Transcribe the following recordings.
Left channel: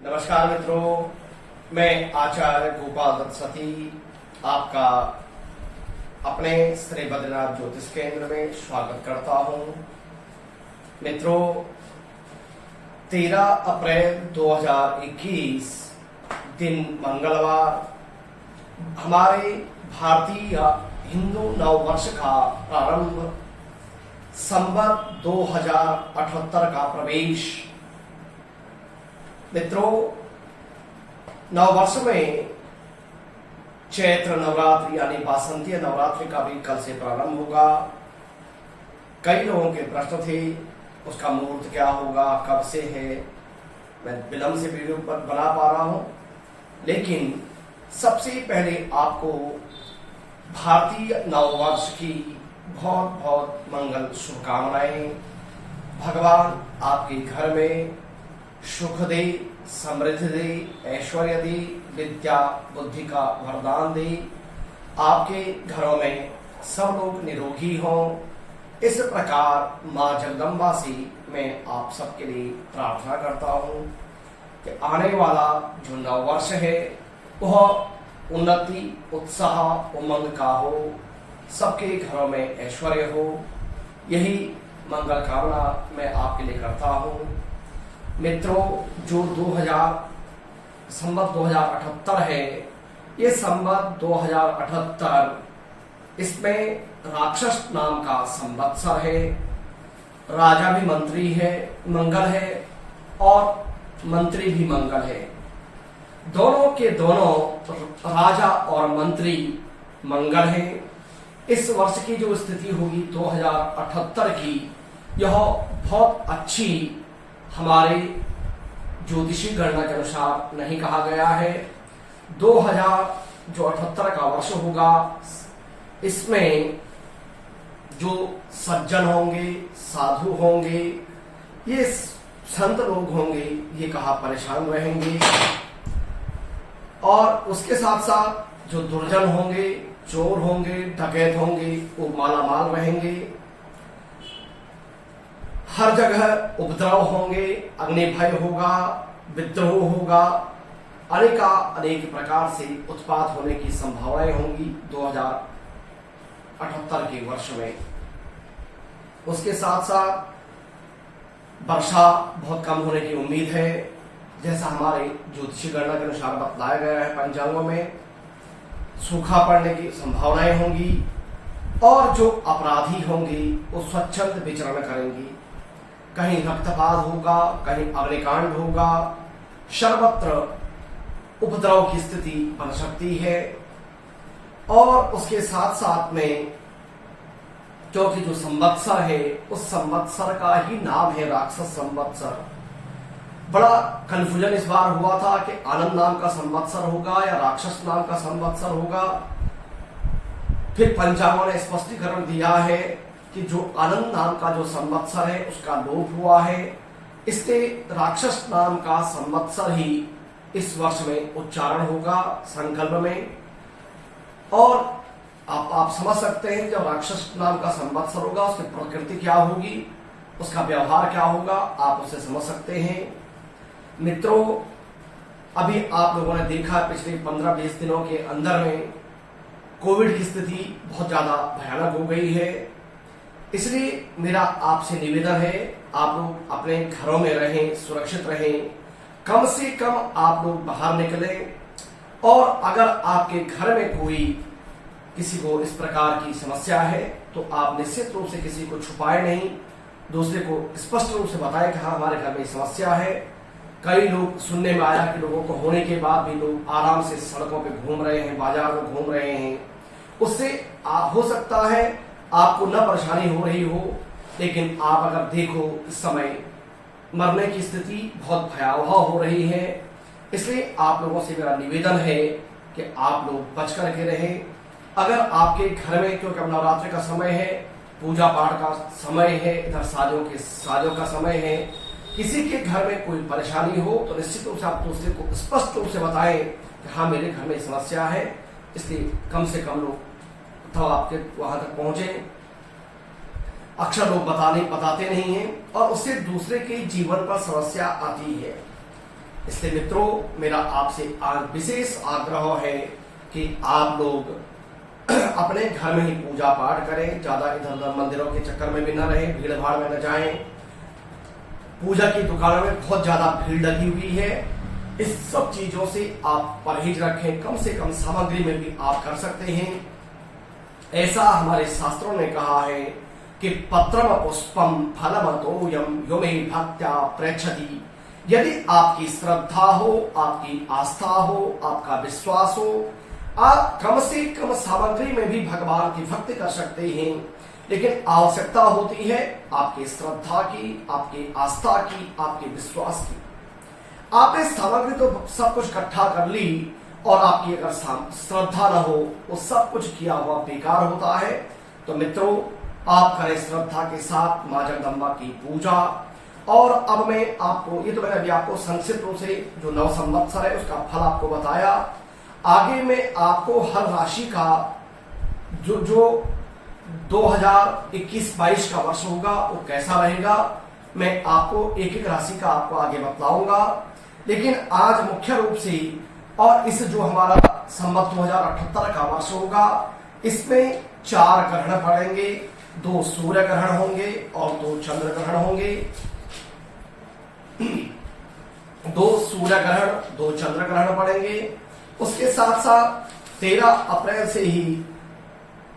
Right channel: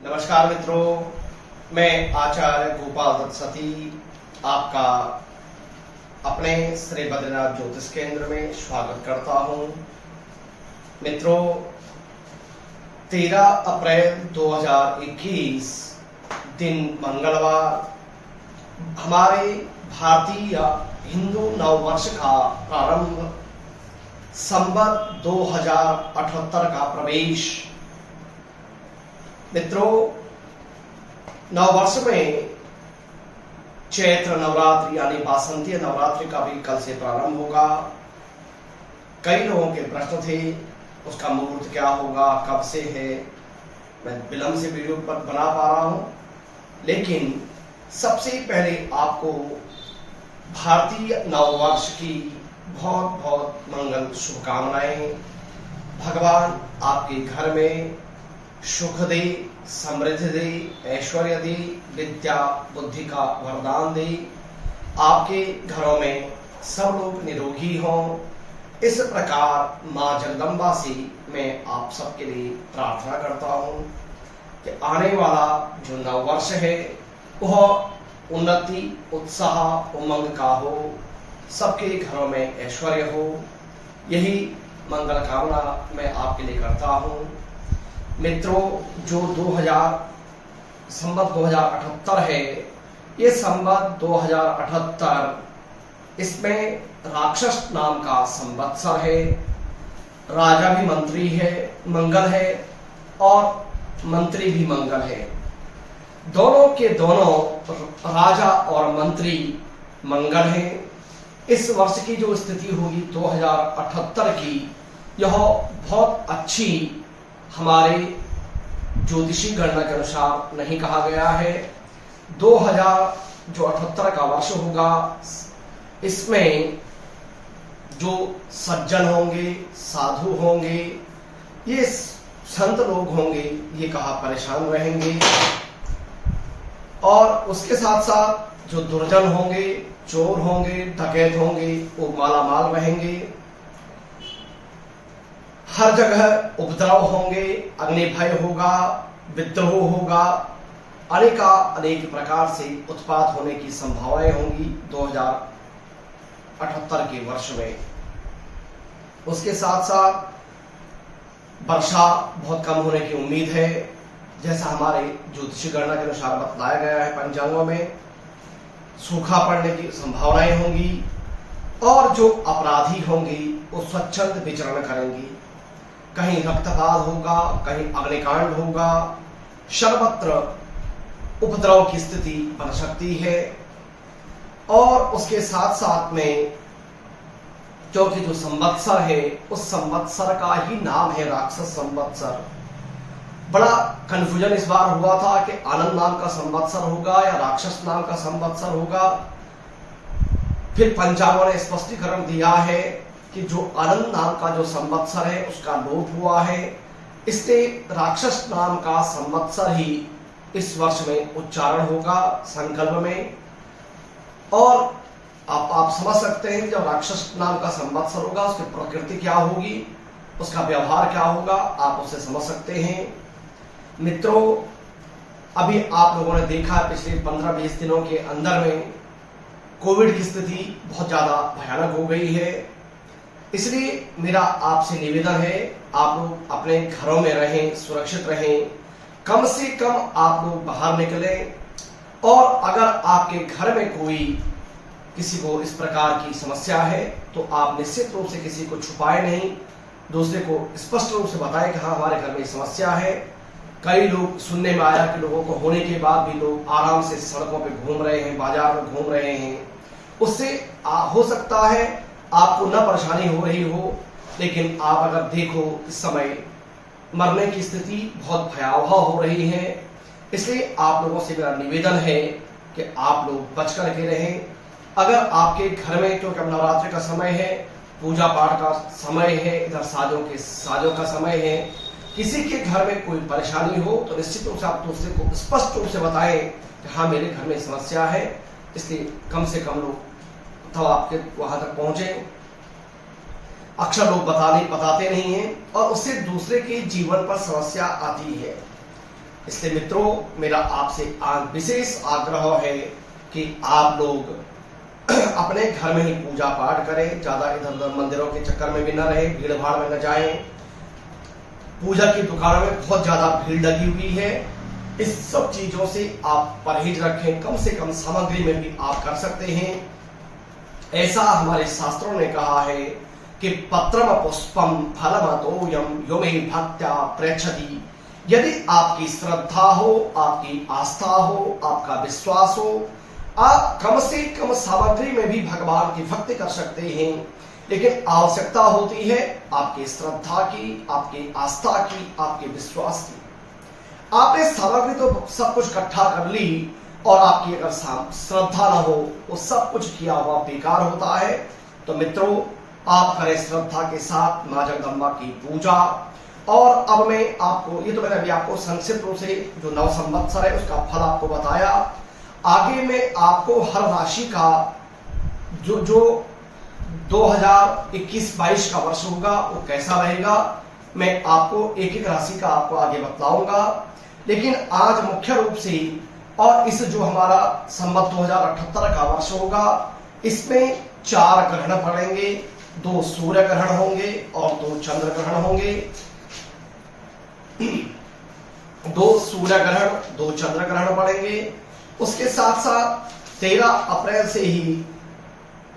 नमस्कार मित्रों, मैं आचार्य गोपाल दत्त सती आपका अपने श्री बद्रीनाथ ज्योतिष केंद्र में स्वागत करता हूं। मित्रों, 13 अप्रैल 2021 दिन मंगलवार हमारे भारतीय हिंदू नववर्ष का प्रारंभ, संवत 2078 का प्रवेश। मित्रों, नववर्ष में चैत्र नवरात्रि यानी वासंतीय नवरात्रि का भी कल से प्रारंभ होगा। कई लोगों के प्रश्न थे उसका मुहूर्त क्या होगा, कब से है। मैं विलंब से वीडियो पर बना पा रहा हूं, लेकिन सबसे पहले आपको भारतीय नववर्ष की बहुत बहुत मंगल शुभकामनाएं। भगवान आपके घर में सुख दे, समृद्धि दे, ऐश्वर्य दे, विद्या बुद्धि का वरदान दे। आपके घरों में सब लोग निरोगी हों। इस प्रकार मां जगदम्बा से मैं आप सबके लिए प्रार्थना करता हूं कि आने वाला जो नववर्ष है वह उन्नति, उत्साह, उमंग का हो, सबके घरों में ऐश्वर्य हो। यही मंगल कामना मैं आपके लिए करता हूं। मित्रों, जो संवत 2078 है, ये संवत 2078 इसमें राक्षस नाम का संवत्सर है। राजा भी मंत्री है, मंगल है, और मंत्री भी मंगल है। दोनों के दोनों राजा और मंत्री मंगल हैं। इस वर्ष की जो स्थिति होगी 2078 की, यह बहुत अच्छी हमारे ज्योतिषी गणना के अनुसार नहीं कहा गया है। 2078 का वर्ष होगा, इसमें जो सज्जन होंगे, साधु होंगे, ये संत लोग होंगे, ये कहा परेशान रहेंगे। और उसके साथ साथ जो दुर्जन होंगे, चोर होंगे, डकैत होंगे, वो मालामाल रहेंगे। हर जगह उपद्रव होंगे, अग्नि भय होगा, विद्रोह होगा, अनेक प्रकार से उत्पात होने की संभावनाएं होंगी 2078 के वर्ष में। उसके साथ साथ वर्षा बहुत कम होने की उम्मीद है, जैसा हमारे ज्योतिषी गणना के अनुसार बतलाया गया है पंचांगों में। सूखा पड़ने की संभावनाएं होंगी, और जो अपराधी होंगे वो स्वच्छंद विचरण करेंगे। कहीं रक्तपात होगा, कहीं अग्निकांड होगा, सर्वत्र उपद्रव की स्थिति बन सकती है। और उसके साथ साथ में क्योंकि जो संवत्सर है, उस संवत्सर का ही नाम है राक्षस संवत्सर। बड़ा कंफ्यूजन इस बार हुआ था कि आनंद नाम का संवत्सर होगा या राक्षस नाम का संवत्सर होगा। फिर पंचांगों ने स्पष्टीकरण दिया है कि जो आनंद नाम का जो संवत्सर है उसका लोप हुआ है, इसलिए राक्षस नाम का संवत्सर ही इस वर्ष में उच्चारण होगा संकल्प में। और आप समझ सकते हैं जब राक्षस नाम का संवत्सर होगा उसकी प्रकृति क्या होगी, उसका व्यवहार क्या होगा, आप उसे समझ सकते हैं। मित्रों, अभी आप लोगों ने देखा पिछले 15-20 दिनों के अंदर में कोविड की स्थिति बहुत ज्यादा भयानक हो गई है। इसलिए मेरा आपसे निवेदन है, आप लोग अपने घरों में रहें, सुरक्षित रहें, कम से कम आप लोग बाहर निकलें। और अगर आपके घर में कोई किसी को इस प्रकार की समस्या है तो आप निश्चित रूप से किसी को छुपाए नहीं, दूसरे को स्पष्ट रूप से बताएं कि हाँ हमारे घर में समस्या है। कई लोग सुनने में आया कि लोगों को होने के बाद भी लोग आराम से सड़कों पे घूम रहे हैं, बाजार में घूम रहे हैं। उससे हो सकता है आपको न परेशानी हो रही हो, लेकिन आप अगर देखो इस समय मरने की स्थिति बहुत भयावह हो रही है। इसलिए आप लोगों से मेरा निवेदन है कि आप लोग बच करके रहें। अगर आपके घर में, क्योंकि अब नवरात्रि का समय है, पूजा पाठ का समय है, इधर साजों का समय है, किसी के घर में कोई परेशानी हो तो निश्चित रूप से आप दूसरे को स्पष्ट रूप से बताएं कि हाँ मेरे घर में समस्या है। इसलिए कम से कम लोग तो आपके वहां तक पहुंचे। अक्सर लोग बताते नहीं हैं और उससे दूसरे के जीवन पर समस्या आती है। इसलिए मित्रों, मेरा आपसे विशेष आग्रह है कि आप लोग अपने घर में ही पूजा पाठ करें, ज्यादा इधर उधर मंदिरों के चक्कर में भी न रहे, भीड़ भाड़ में न जाएं। पूजा की दुकानों में बहुत ज्यादा भीड़ लगी हुई है, इस सब चीजों से आप परहेज रखें। कम से कम सामग्री में भी आप कर सकते हैं। ऐसा हमारे शास्त्रों ने कहा है कि पत्रम पुष्पम फलम तोयम यो मे भक्त्या प्रेक्षति। यदि आपकी श्रद्धा हो, आपकी आस्था हो, आपका विश्वास हो, आप कम से कम सामग्री में भी भगवान की भक्ति कर सकते हैं। लेकिन आवश्यकता होती है आपकी श्रद्धा की, आपकी आस्था की, आपके विश्वास की। आपने सामग्री तो सब कुछ इकट्ठा कर ली और आपकी अगर श्रद्धा न हो, वो सब कुछ किया हुआ बेकार होता है। तो मित्रों, आप करें श्रद्धा के साथ मां जगदम्बा की पूजा। और अब मैं आपको, ये तो मैंने अभी आपको संक्षिप्त रूप से जो नव संवत्सर है उसका फल आपको बताया। आगे में आपको हर राशि का जो 2021-22 का वर्ष होगा वो कैसा रहेगा, मैं आपको एक एक राशि का आपको आगे बतलाऊंगा। लेकिन आज मुख्य रूप से, और इस जो हमारा संवत 2078 का वर्ष होगा, इसमें 4 ग्रहण पड़ेंगे, 2 सूर्य ग्रहण होंगे और 2 चंद्र ग्रहण होंगे। 2 सूर्य ग्रहण, 2 चंद्र ग्रहण पड़ेंगे। उसके साथ साथ 13 अप्रैल से ही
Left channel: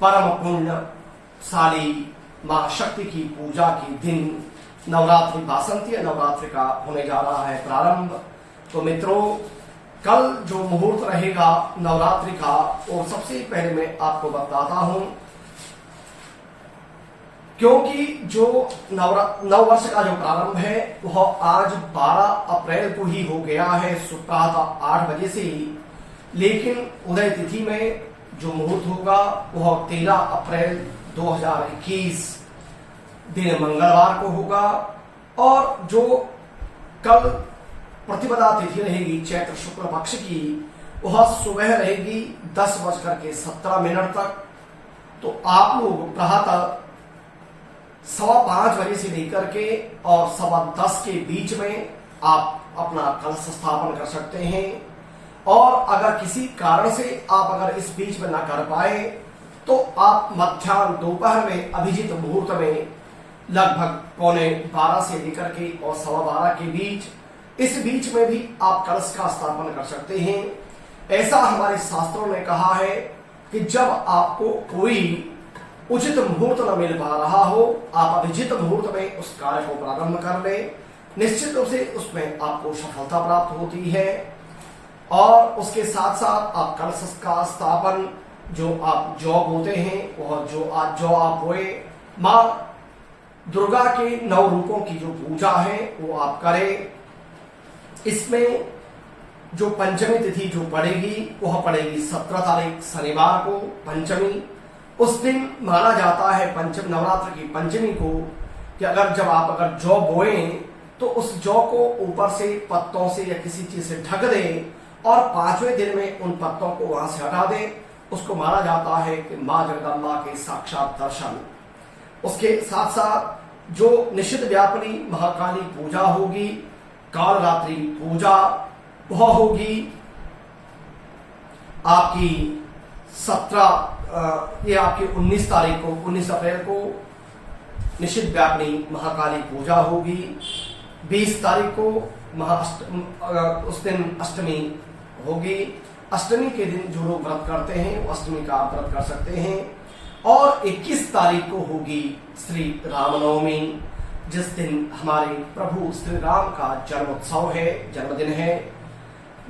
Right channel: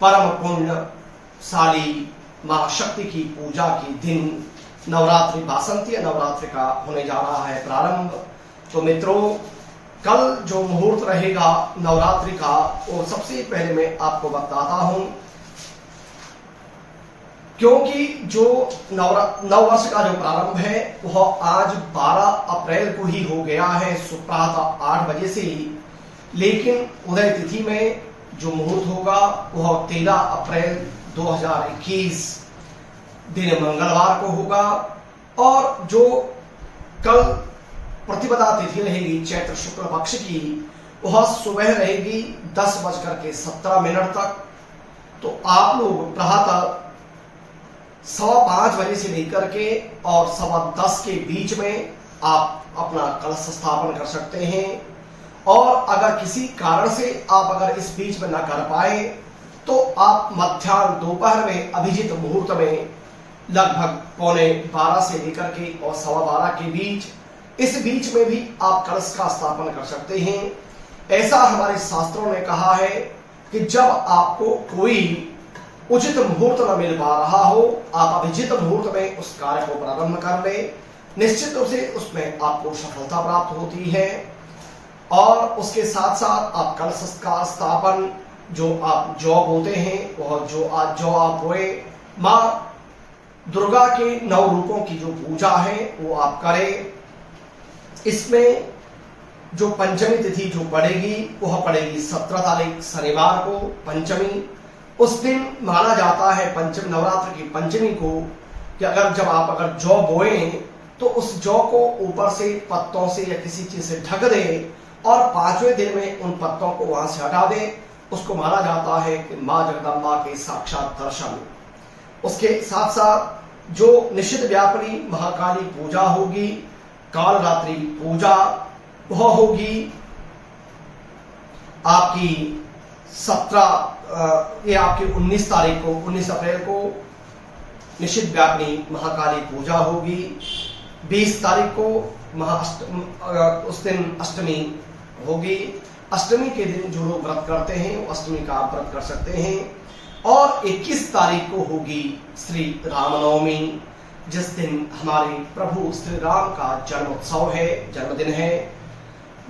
परम पुण्यशाली मां शक्ति की पूजा के दिन नवरात्रि, वासंती नवरात्रि का होने जा रहा है प्रारंभ। तो मित्रों, कल जो मुहूर्त रहेगा नवरात्रि का, वो सबसे पहले मैं आपको बताता हूं, क्योंकि जो नव वर्ष का जो प्रारंभ है वह आज 12 अप्रैल को ही हो गया है, सुप्रातः 8 बजे से। लेकिन उदय तिथि में जो मुहूर्त होगा वह 13 अप्रैल 2021 दिन मंगलवार को होगा। और जो कल प्रतिपदा तिथि रहेगी चैत्र शुक्ल पक्ष की, वह सुबह रहेगी 10:17 तक। तो आप लोग प्रातः 5:15 बजे से लेकर के और 10:15 के बीच में आप अपना कलश स्थापन कर सकते हैं। और अगर किसी कारण से आप अगर इस बीच में ना कर पाए तो आप मध्याह्न दोपहर में अभिजित मुहूर्त में लगभग 11:15 से लेकर के और 12:15 के बीच, इस बीच में भी आप कलश का स्थापन कर सकते हैं। ऐसा हमारे शास्त्रों ने कहा है कि जब आपको कोई उचित मुहूर्त न मिल पा रहा हो, आप अभिजित मुहूर्त में उस कार्य को प्रारंभ कर ले, निश्चित रूप से उसमें आपको सफलता प्राप्त होती है। और उसके साथ साथ आप कलश का स्थापन, जो आप जौ बोते हैं, वह जो आप बोए, मां दुर्गा के 9 रूपों की जो पूजा है वो आप करें। इसमें जो पंचमी तिथि जो पड़ेगी वह पड़ेगी 17 तारीख शनिवार को, पंचमी। उस दिन माना जाता है पंचम नवरात्र की पंचमी को कि जब आप जौ बोएं तो उस जौ को ऊपर से पत्तों से या किसी चीज से ढक दें और 5वें दिन में उन पत्तों को वहां से हटा दें। उसको माना जाता है कि मां जगदम्बा के साक्षात दर्शन। उसके साथ साथ जो निशित व्यापिनी महाकाली पूजा होगी, कालरात्रि पूजा, वह होगी आपकी 19 तारीख को, 19 अप्रैल को निशित व्यापिनी महाकाली पूजा होगी। 20 तारीख को उस दिन अष्टमी होगी। अष्टमी के दिन जो लोग व्रत करते हैं वो अष्टमी का आप व्रत कर सकते हैं। और 21 तारीख को होगी श्री रामनवमी, जिस दिन हमारे प्रभु श्री राम का जन्मोत्सव है, जन्मदिन है।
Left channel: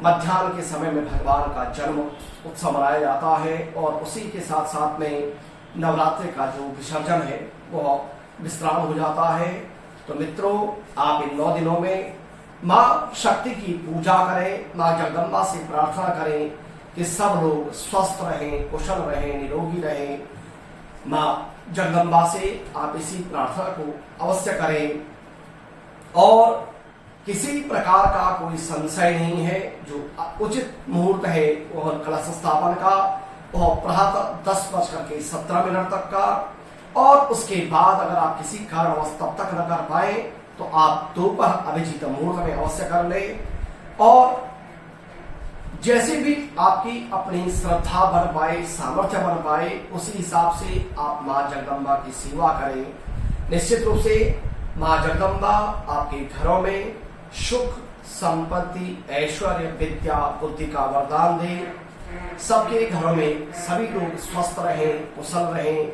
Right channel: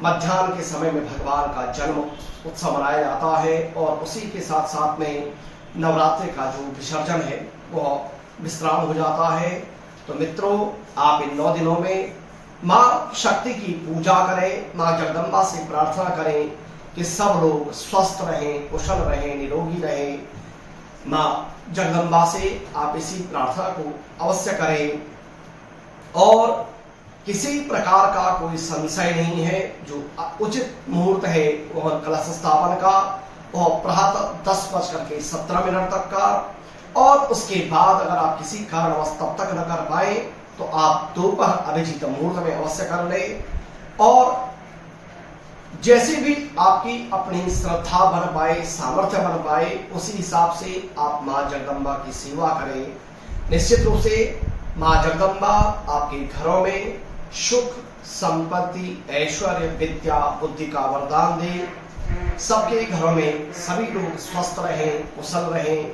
मध्याह्न के समय में भगवान का जन्म उत्सव मनाया जाता है और उसी के साथ साथ में नवरात्रि का जो विसर्जन है वह विश्राम हो जाता है। तो मित्रों, आप इन 9 दिनों में मां शक्ति की पूजा करें, मां जगदम्बा से प्रार्थना करें कि सब लोग स्वस्थ रहें, कुशल रहें, निरोगी रहें। मां जगदम्बा से आप इसी प्रार्थना को अवश्य करें। और किसी प्रकार का कोई संशय नहीं है, जो उचित मुहूर्त है वह कलश स्थापन का, वह प्रातः 10:17 तक का। और उसके बाद अगर आप किसी कारणवश तब तक न कर पाए तो आप दोपहर अभिजित मुहूर्त में अवश्य कर ले। और जैसे भी आपकी अपनी श्रद्धा बन पाए, सामर्थ्य बन पाए, उसी हिसाब से आप माँ जगदम्बा की सेवा करें। निश्चित रूप से माँ जगदम्बा आपके घरों में सुख, संपत्ति, ऐश्वर्य, विद्या, बुद्धि का वरदान दे। सबके घरों में सभी लोग स्वस्थ रहें, कुशल रहें,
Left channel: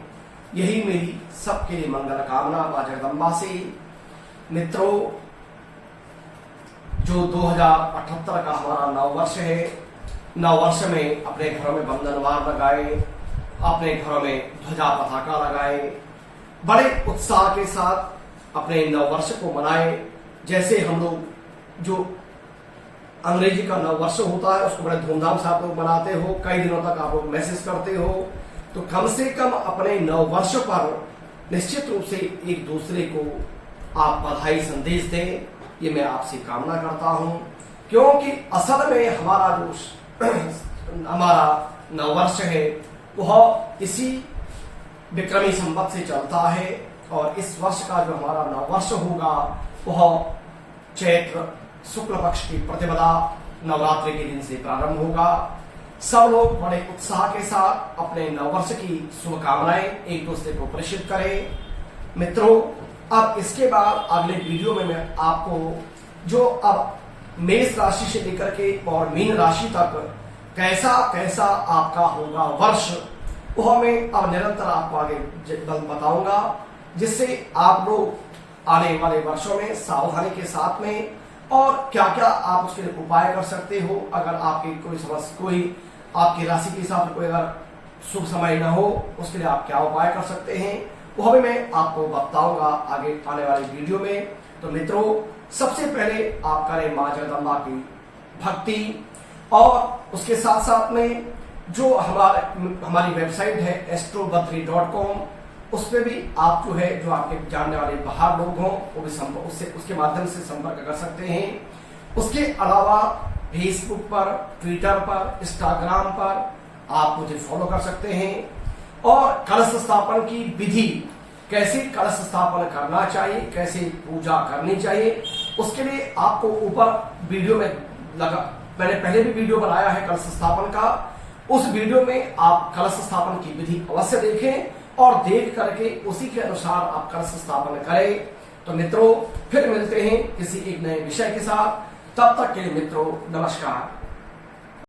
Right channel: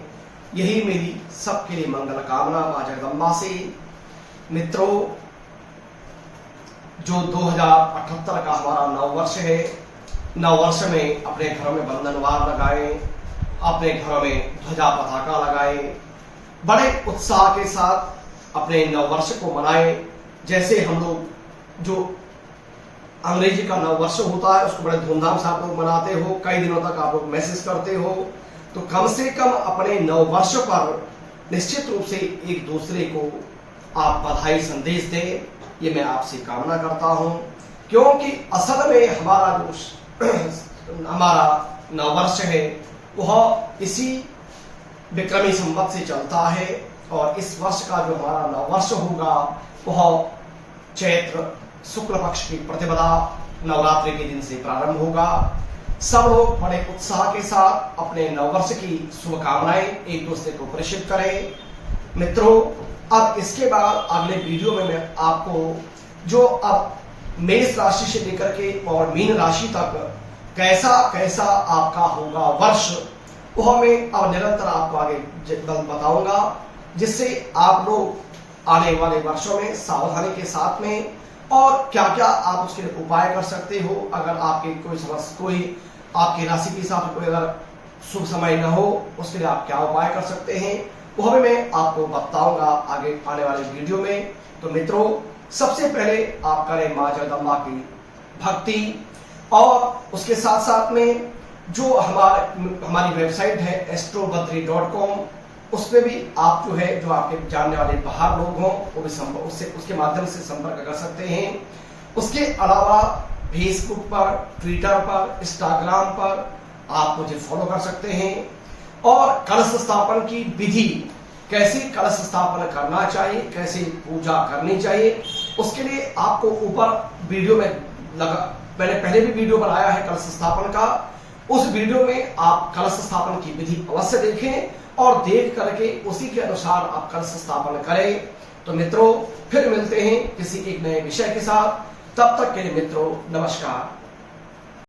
यही मेरी सबके लिए मंगल कामना माँ जगदम्बा से। मित्रों, जो 2078 का हमारा नववर्ष है, नववर्ष में अपने घरों में बंधनवार लगाएं, अपने घरों में ध्वजा पताका लगाएं, बड़े उत्साह के साथ अपने नववर्ष को मनाएं। जैसे हम लोग जो अंग्रेजी का नववर्ष होता है उसको बड़े धूमधाम से आप लोग मनाते हो, कई दिनों तक आप लोग मैसेज करते हो, तो कम से कम अपने नववर्ष पर निश्चित रूप से एक दूसरे को आप बधाई संदेश दें, ये मैं आपसे कामना करता हूं। क्योंकि असल में हमारा जो हमारा नववर्ष है वह इसी विक्रमी संवत से चलता है, और इस वर्ष का जो हमारा नववर्ष होगा वह चैत्र शुक्ल पक्ष की प्रतिपदा नवरात्रि के दिन से प्रारंभ होगा। सब लोग बड़े उत्साह के साथ अपने नववर्ष की शुभकामनाएं एक दूसरे को प्रेषित करें। मित्रों, अब इसके बाद अगले वीडियो में मैं आपको जो अब मेष राशि से लेकर के और मीन राशि तक कैसा कैसा आपका होगा वर्ष, वह मैं अब निरंतर आपको आगे बताऊंगा, जिससे आप लोग आने वाले वर्षों में सावधानी के साथ में और क्या क्या आप उसके लिए उपाय कर सकते हो। अगर आपकी कोई आपकी राशि के हिसाब से कोई अगर शुभ समय न हो, उसके लिए आप क्या उपाय कर सकते हैं, वह भी मैं आपको बताऊंगा आगे आने वाले वीडियो में। तो मित्रों, सबसे पहले आप करें माँ जगदम्बा की भक्ति, और उसके साथ साथ में जो हमारी वेबसाइट है astrobadri.com, उस पर भी आप जो है जो आपके जानने वाले बाहर लोग हों वो भी उसके माध्यम से संपर्क कर सकते हैं। उसके अलावा फेसबुक पर, ट्विटर पर, इंस्टाग्राम पर आप मुझे फॉलो कर सकते हैं। और कलश स्थापन की विधि, कैसे कलश स्थापन करना चाहिए, कैसे पूजा करनी चाहिए, उसके लिए आपको ऊपर वीडियो में मैंने पहले भी वीडियो बनाया है कलश स्थापन का, उस वीडियो में आप कलश स्थापन की विधि अवश्य देखें और देख करके उसी के अनुसार आप कलश स्थापन करें। तो मित्रों, फिर मिलते हैं किसी एक नए विषय के साथ, तब तक के लिए मित्रों नमस्कार।